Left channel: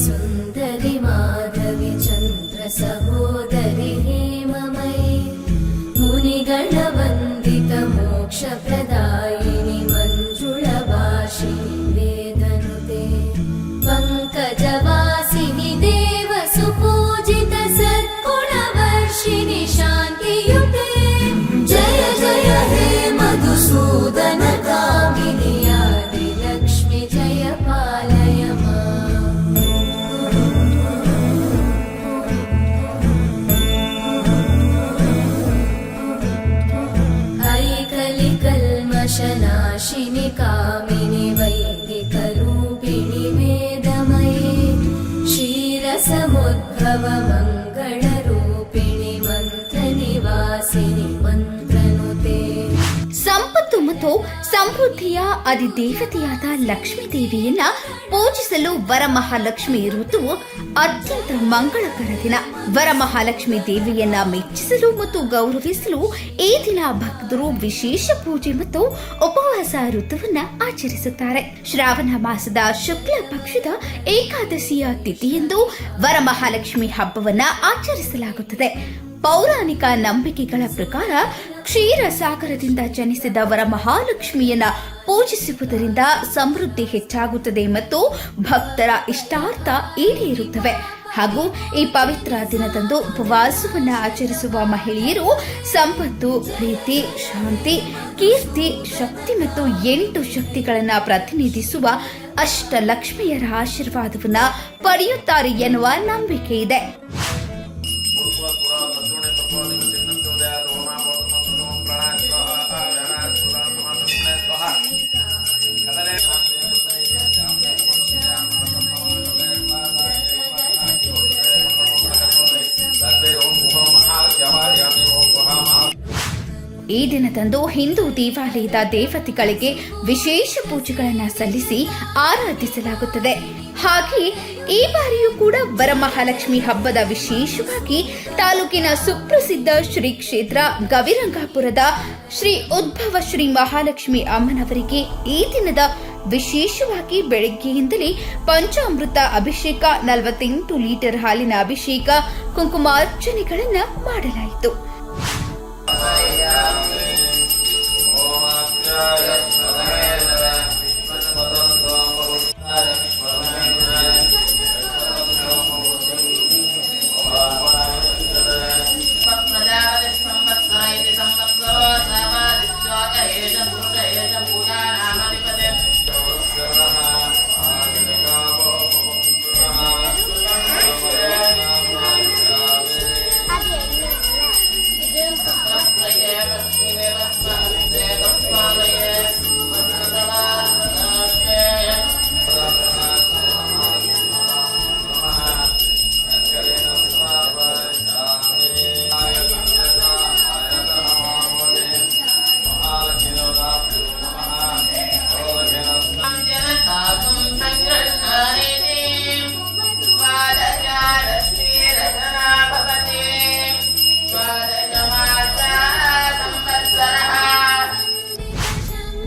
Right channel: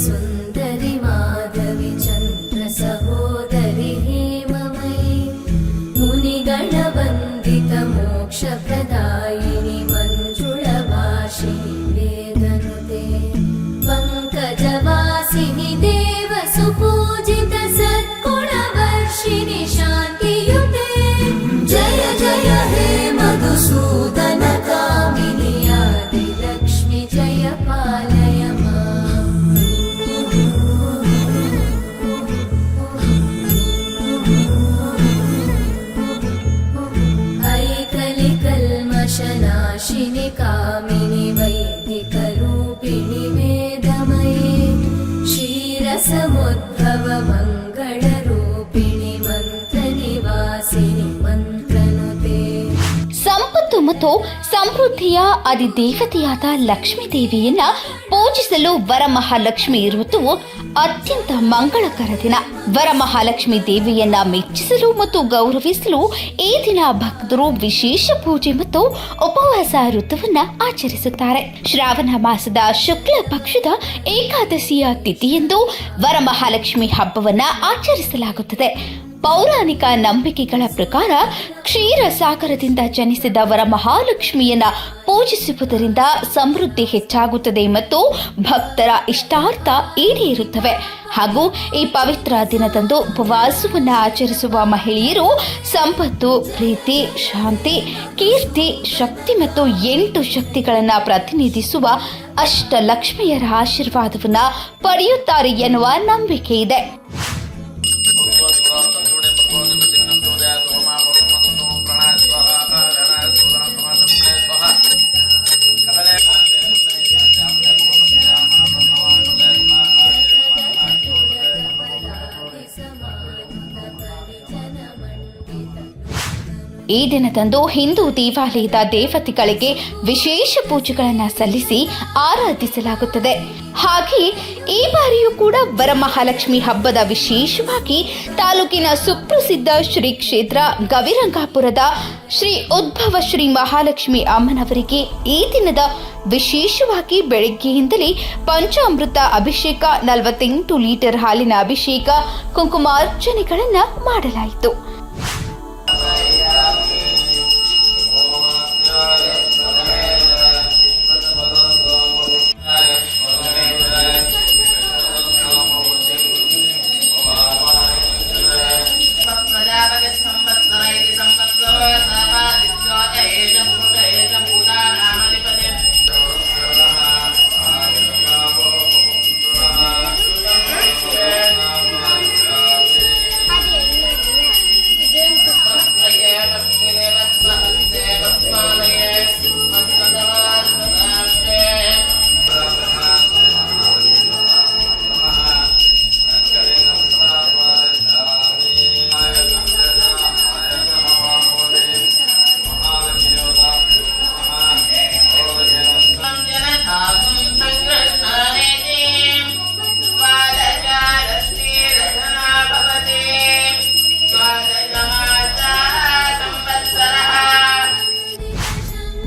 सुन्दरि माधवि चन्द्र सहोदरि हेममयि मुनिगणवन्दित मोक्षप्रदायिनि मञ्जुळभाषिणि वेदनुते पङ्कजवासिनि देवसुपूजित सद्गुणवर्षिणि शान्तियुते जय जय हे मधुसूदन कामिनि आदिलक्ष्मि जय पालय माम्। ऐकलिकल्मषनाशिनि कामिनि वैदिकरूपिणि वेदमये क्षीरसमुद्भव मङ्गलरूपिणि मन्त्रनिवासिनि मन्त्रनुते ಸಂಪತ್ತು ಮತ್ತು ಸಮೃದ್ಧಿಯ ಅಧಿದೇವತೆಯಾದ ಲಕ್ಷ್ಮೀ ದೇವಿಯನ್ನ ಪೂಜಿಸಲು ವರಮಹಾಲಕ್ಷ್ಮಿ ಋತುವು ಅತ್ಯಂತ ಮಂಗಳಕರ ದಿನ. ವರಮಹಾಲಕ್ಷ್ಮಿ ದೇವಿಯನ್ನ ಮೆಚ್ಚಿಸಲು ಮತ್ತು ಗೌರವಿಸಲು ಈ ದಿನ ಭಕ್ತರು ವಿಶೇಷ ಪೂಜೆ ಮತ್ತು ಉಪವಾಸ ಋತುವನ್ನ ಆಚರಿಸುತ್ತಾರೆ. ಶ್ರಾವಣ ಮಾಸದ ಶುಕ್ಲ ಪಕ್ಷದ ಏಕಾದಶಿಯ ತಿಥಿಯಂದು ವರಮಹಾಲಕ್ಷ್ಮಿ ಹಬ್ಬವನ್ನ ಆಚರಿಸಲಾಗುತ್ತದೆ. ಪೌರಾಣಿಕ ನಂಬಿಕೆಗಳ ಪ್ರಕಾರ ಕ್ಷೀರ ಸಾಗರದಿಂದ ಜನಿಸಿದ ವರಮಹಾಲಕ್ಷ್ಮಿಯನ್ನ ಪೂಜಿಸುವುದರಿಂದ ಸಮೃದ್ಧಿ ಹೆಚ್ಚಾಗುತ್ತದೆ ಮತ್ತು ಭಕ್ತರ ಇಷ್ಟಾರ್ಥ ಈಡೇರುತ್ತವೆ. ಹಾಗೂ ಈ ಪವಿತ್ರ ದಿನದಂದು ಉಪವಾಸವನ್ನು ಆಚರಿಸುವ ಮಹಿಳೆಯರು ಸಂಪತ್ತು, ಪ್ರೀತಿ, ಶಾಂತಿ, ಕೀರ್ತಿ, ಶಕ್ತಿ ಮತ್ತು 8 ಶಕ್ತಿಗಳನ್ನು ಪ್ರತಿನಿಧಿಸುವ ಅಷ್ಟಲಕ್ಷ್ಮಿಯರ ಆಶೀರ್ವಾದವನ್ನು ಪಡೆಯುತ್ತಾರೆ ಎನ್ನುವ ನಂಬಿಕೆ ಇದೆ. ಈ ದಿನದಂದು ಹಿಂದೂ ದೇವಾಲಯದ ದೇವತೆಗಳಿಗೆ ವಿಶೇಷ ಪೂಜೆಗಳನ್ನು ಸಲ್ಲಿಸಿ ಆರಾಧಿಸಲಾಗುತ್ತದೆ. ಹಾಗೆ ಈ ಬಾರಿಯೂ ಕೂಡ ವರಮಹಾಲಕ್ಷ್ಮಿ ಹಬ್ಬದ ವಿಶೇಷವಾಗಿ ತಾಲೂಕಿನ ಸುಪ್ರಸಿದ್ಧ ಶ್ರೀ ಕ್ಷೇತ್ರ ಗವಿರಂಗಾಪುರದ ಶ್ರೀ ಉದ್ಭವ ಶ್ರೀ ಮಹಾಲಕ್ಷ್ಮಿ ಅಮ್ಮನವರಿಗೆ ಈ ದಿನದ ವಿಶೇಷವಾಗಿ ಬೆಳಗ್ಗೆಯಿಂದಲೇ ಪಂಚಾಮೃತ ಅಭಿಷೇಕ, 48 ಲೀಟರ್ ಹಾಲಿನ ಅಭಿಷೇಕ, ಕುಂಕುಮಾರ್ಚನೆಗಳನ್ನು ಮಾಡಲಾಯಿತು.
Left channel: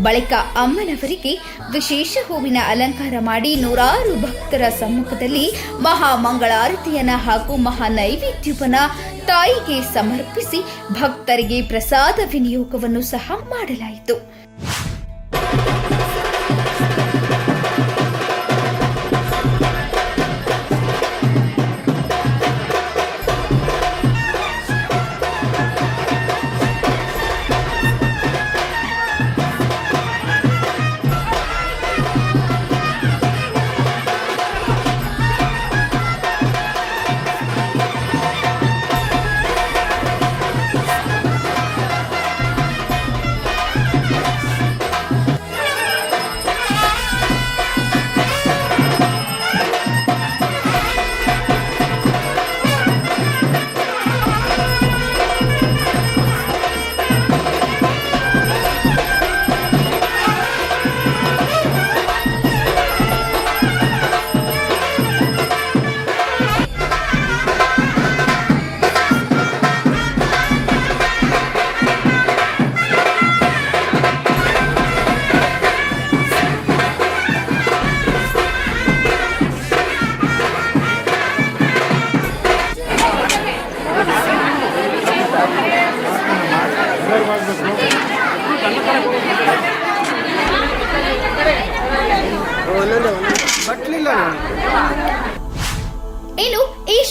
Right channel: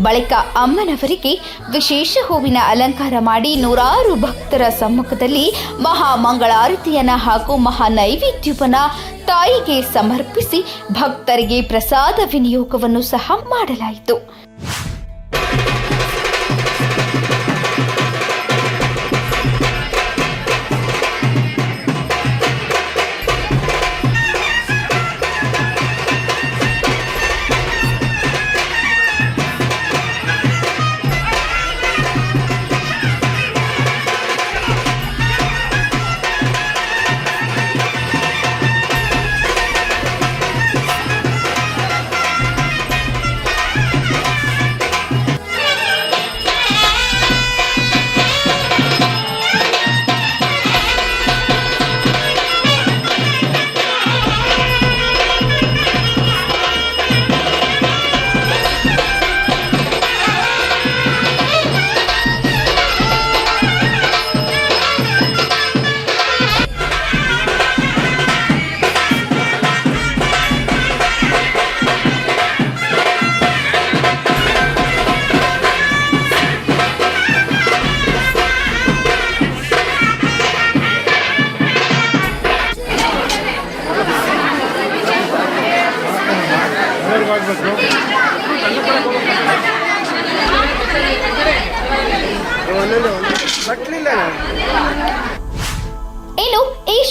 ಬಳಿಕ ಅಮ್ಮನವರಿಗೆ ವಿಶೇಷ ಹೂವಿನ ಅಲಂಕಾರ ಮಾಡಿ ನೂರಾರು ಭಕ್ತರ ಸಮ್ಮುಖದಲ್ಲಿ ಮಹಾಮಂಗಳಾರತಿಯನ್ನ ಹಾಗೂ ಮಹಾ ನೈವೇದ್ಯವನ್ನ ತಾಯಿಗೆ ಸಮರ್ಪಿಸಿ ಭಕ್ತರಿಗೆ ಪ್ರಸಾದ ವಿನಿಯೋಗವನ್ನು ಸಹ ಮಾಡಲಾಯಿತು.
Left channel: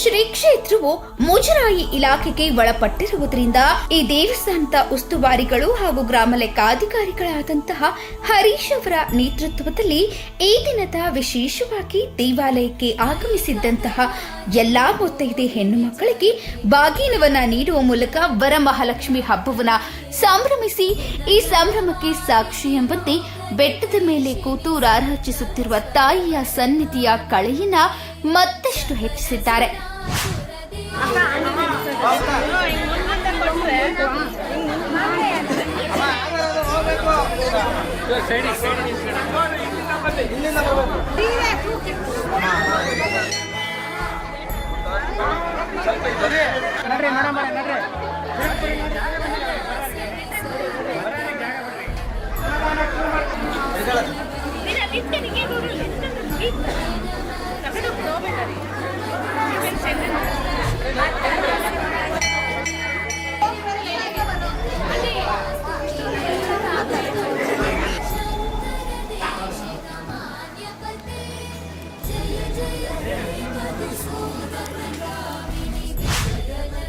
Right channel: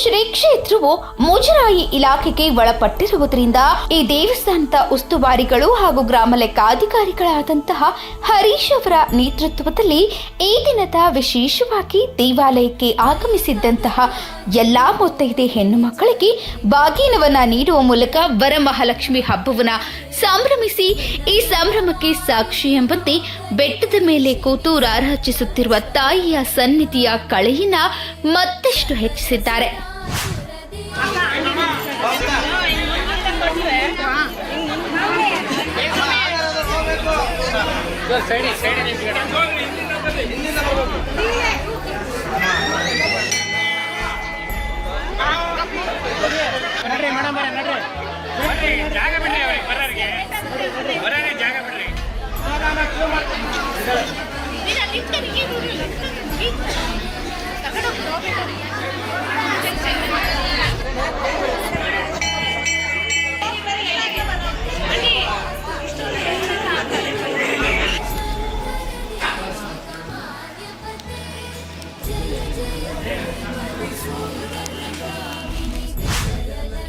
ಶ್ರೀ ಕ್ಷೇತ್ರವು ಮುಜರಾಯಿ ಇಲಾಖೆಗೆ ಒಳಪಟ್ಟಿರುವುದರಿಂದ ಈ ದೇವಸ್ಥಾನದ ಉಸ್ತುವಾರಿಗಳು ಹಾಗೂ ಗ್ರಾಮ ಲೆಕ್ಕಾಧಿಕಾರಿಗಳಾದಂತಹ ಹರೀಶ್ ಅವರ ನೇತೃತ್ವದಲ್ಲಿ ಈ ದಿನದ ವಿಶೇಷವಾಗಿ ದೇವಾಲಯಕ್ಕೆ ಆಗಮಿಸಿದ್ದಂತಹ ಎಲ್ಲಾ ಮುತ್ತೈದೆ ಹೆಣ್ಣು ಮಕ್ಕಳಿಗೆ ಬಾಗಿನವನ್ನ ನೀಡುವ ಮೂಲಕ ವರಮಹಾಲಕ್ಷ್ಮಿ ಹಬ್ಬವನ್ನ ಸಂಭ್ರಮಿಸಿ ಈ ಸಂಭ್ರಮಕ್ಕೆ ಸಾಕ್ಷಿ ಎಂಬಂತೆ ಬೆಟ್ಟದ ಮೇಲೆ ಕೂತು ರಾರಾಜಿಸುತ್ತಿರುವ ತಾಯಿಯ ಸನ್ನಿಧಿಯ ಕಳೆಯನ್ನ ಮತ್ತಷ್ಟು ಹೆಚ್ಚಿಸಿದ್ದಾರೆ.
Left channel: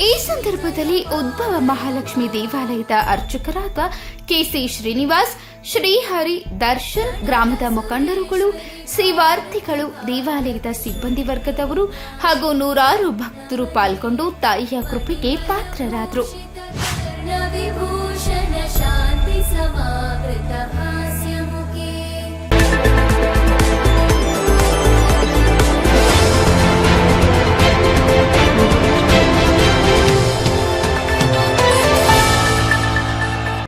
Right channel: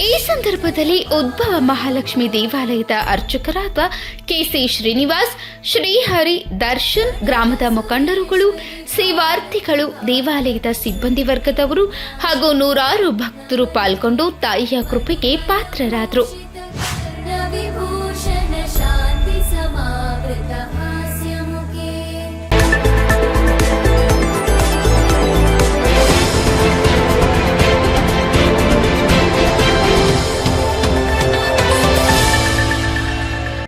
ಈ ಸಂದರ್ಭದಲ್ಲಿ ಉದ್ಭವ ಮಹಾಲಕ್ಷ್ಮಿ ದೇವಾಲಯದ ಅರ್ಚಕರಾದ ಕೆಸಿ ಶ್ರೀನಿವಾಸ್, ಶ್ರೀಹರಿ, ದರ್ಶನ್, ಗ್ರಾಮದ ಮುಖಂಡರುಗಳು, ಸೇವಾರ್ಥಿಗಳು, ದೇವಾಲಯದ ಸಿಬ್ಬಂದಿ ವರ್ಗದವರು ಹಾಗೂ ನೂರಾರು ಭಕ್ತರು ಪಾಲ್ಗೊಂಡು ತಾಯಿಯ ಕೃಪೆಗೆ ಪಾತ್ರರಾದರು.